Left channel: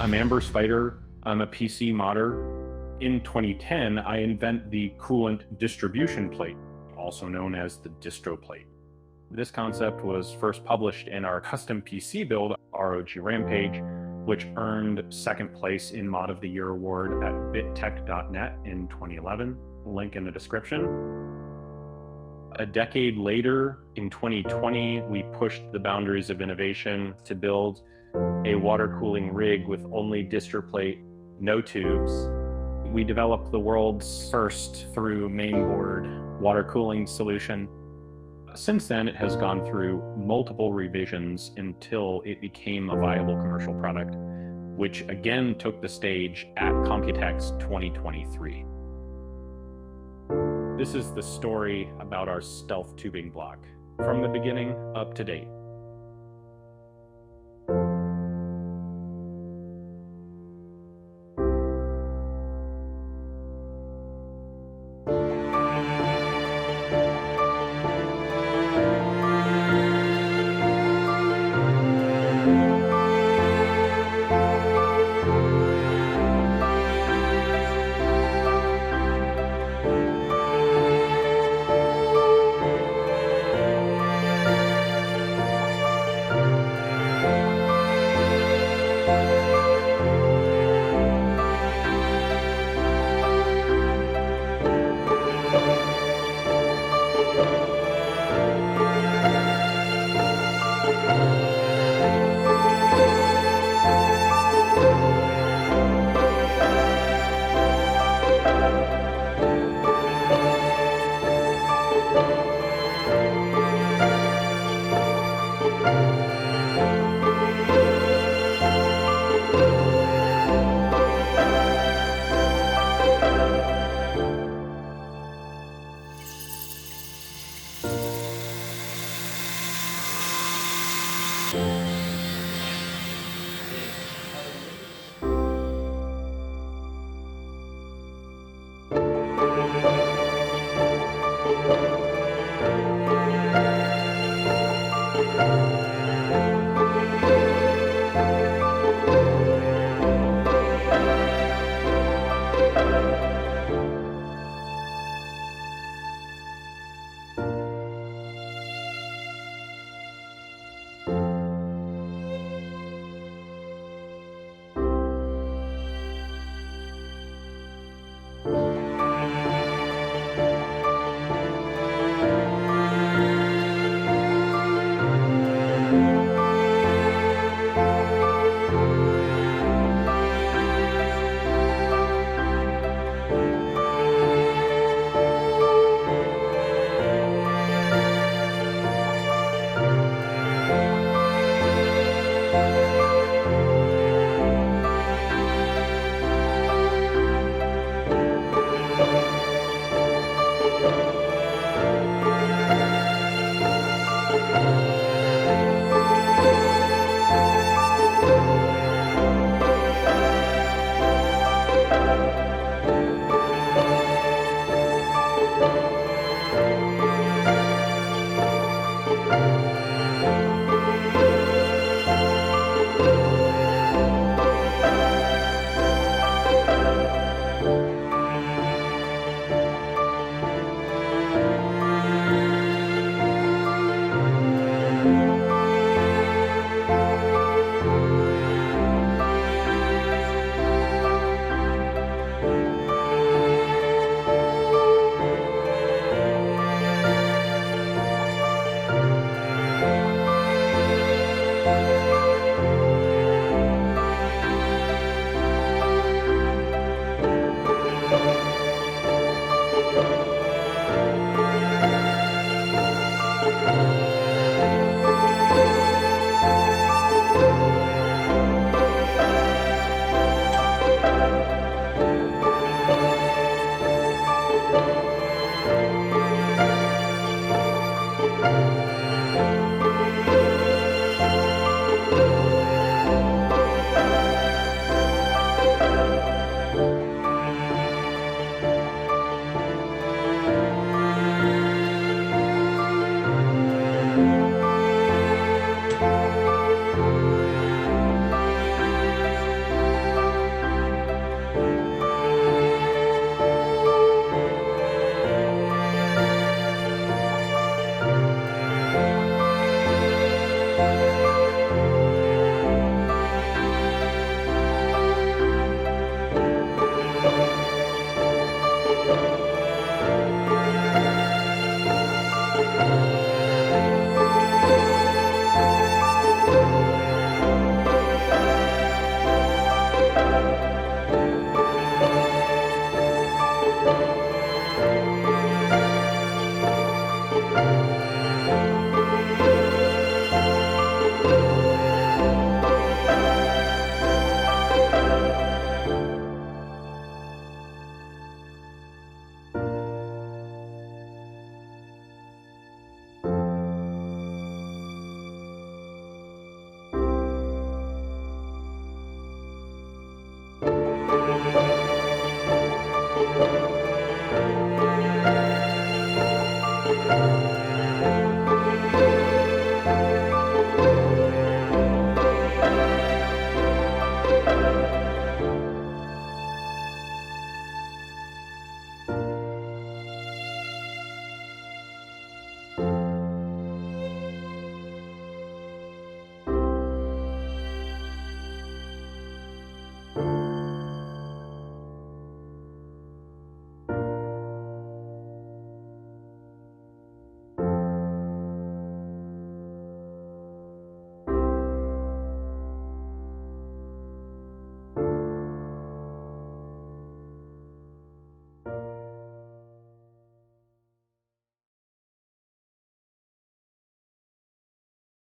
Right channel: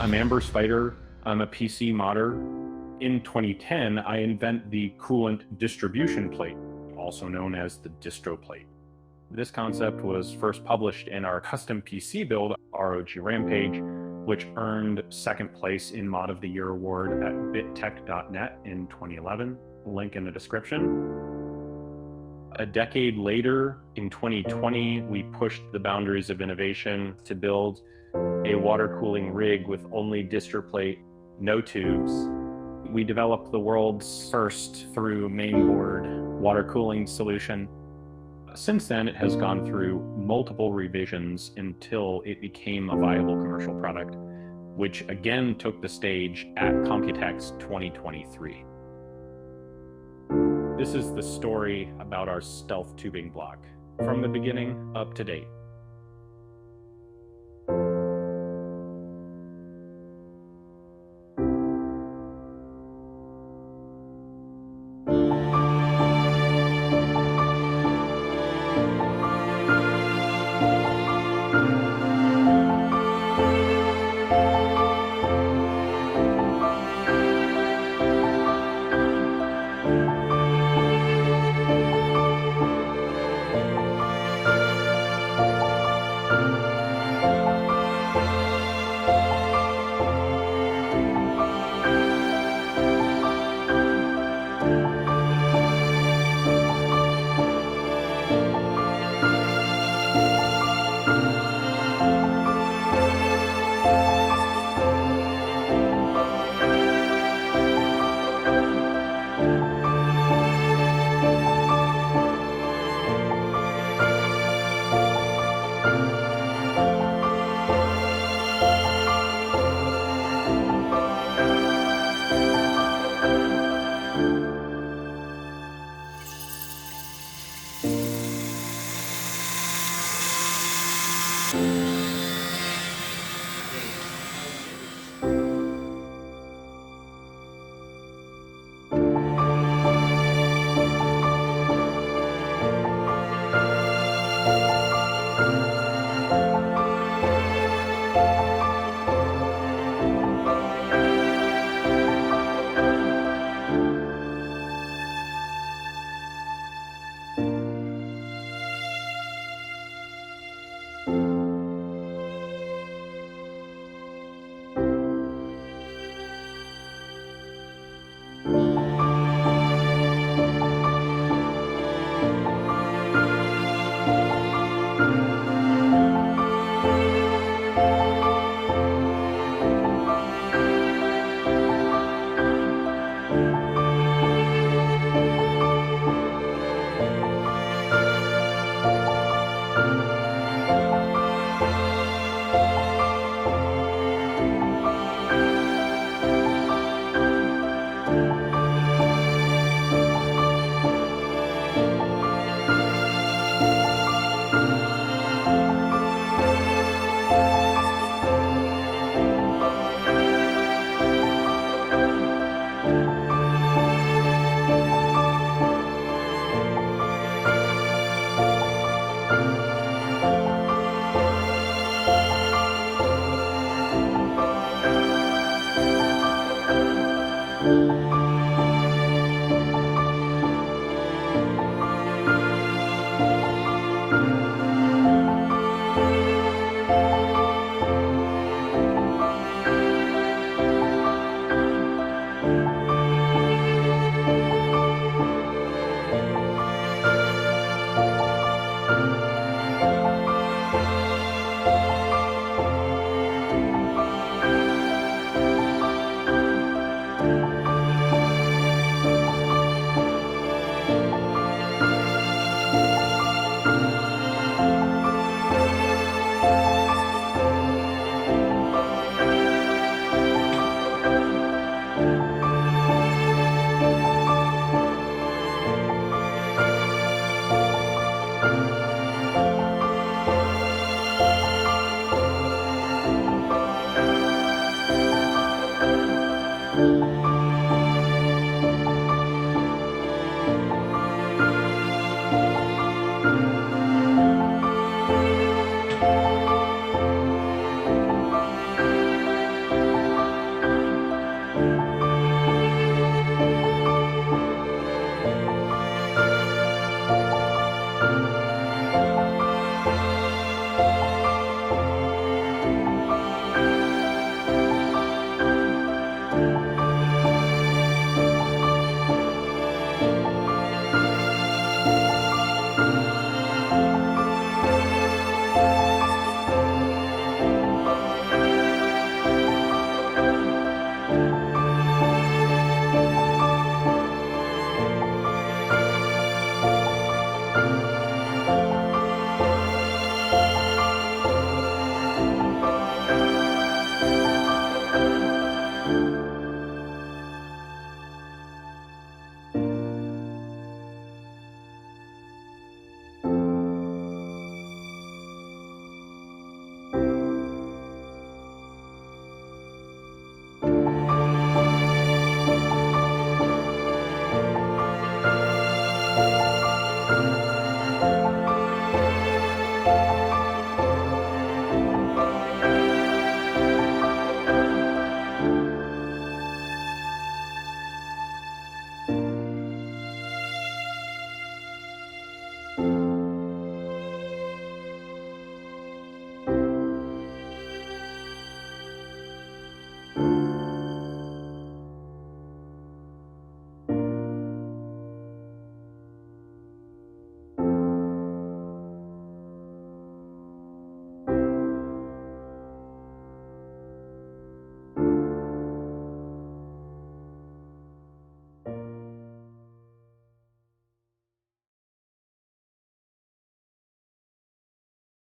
I'm Amber Spider. I'm a PC modder. In 2010, I invent the coolant distribution plate, also known as the distro plate. This concept was first published in our custom PC build, ROG Rampage, which earned second place in Mod of the Year award at bittech.net in 2011. Link in the description. A decade later, in 2020, we pushed the boundaries of innovation to build a water cooling rig with only distro plate, no tubes. We developed the world's first through mainboard water cooling solution. Since then, it has gone through multiple revisions until it became a viable commercial product, which again took the stage at Computex 2023. This is the story about our StealthTubing block, from the beginning up to date.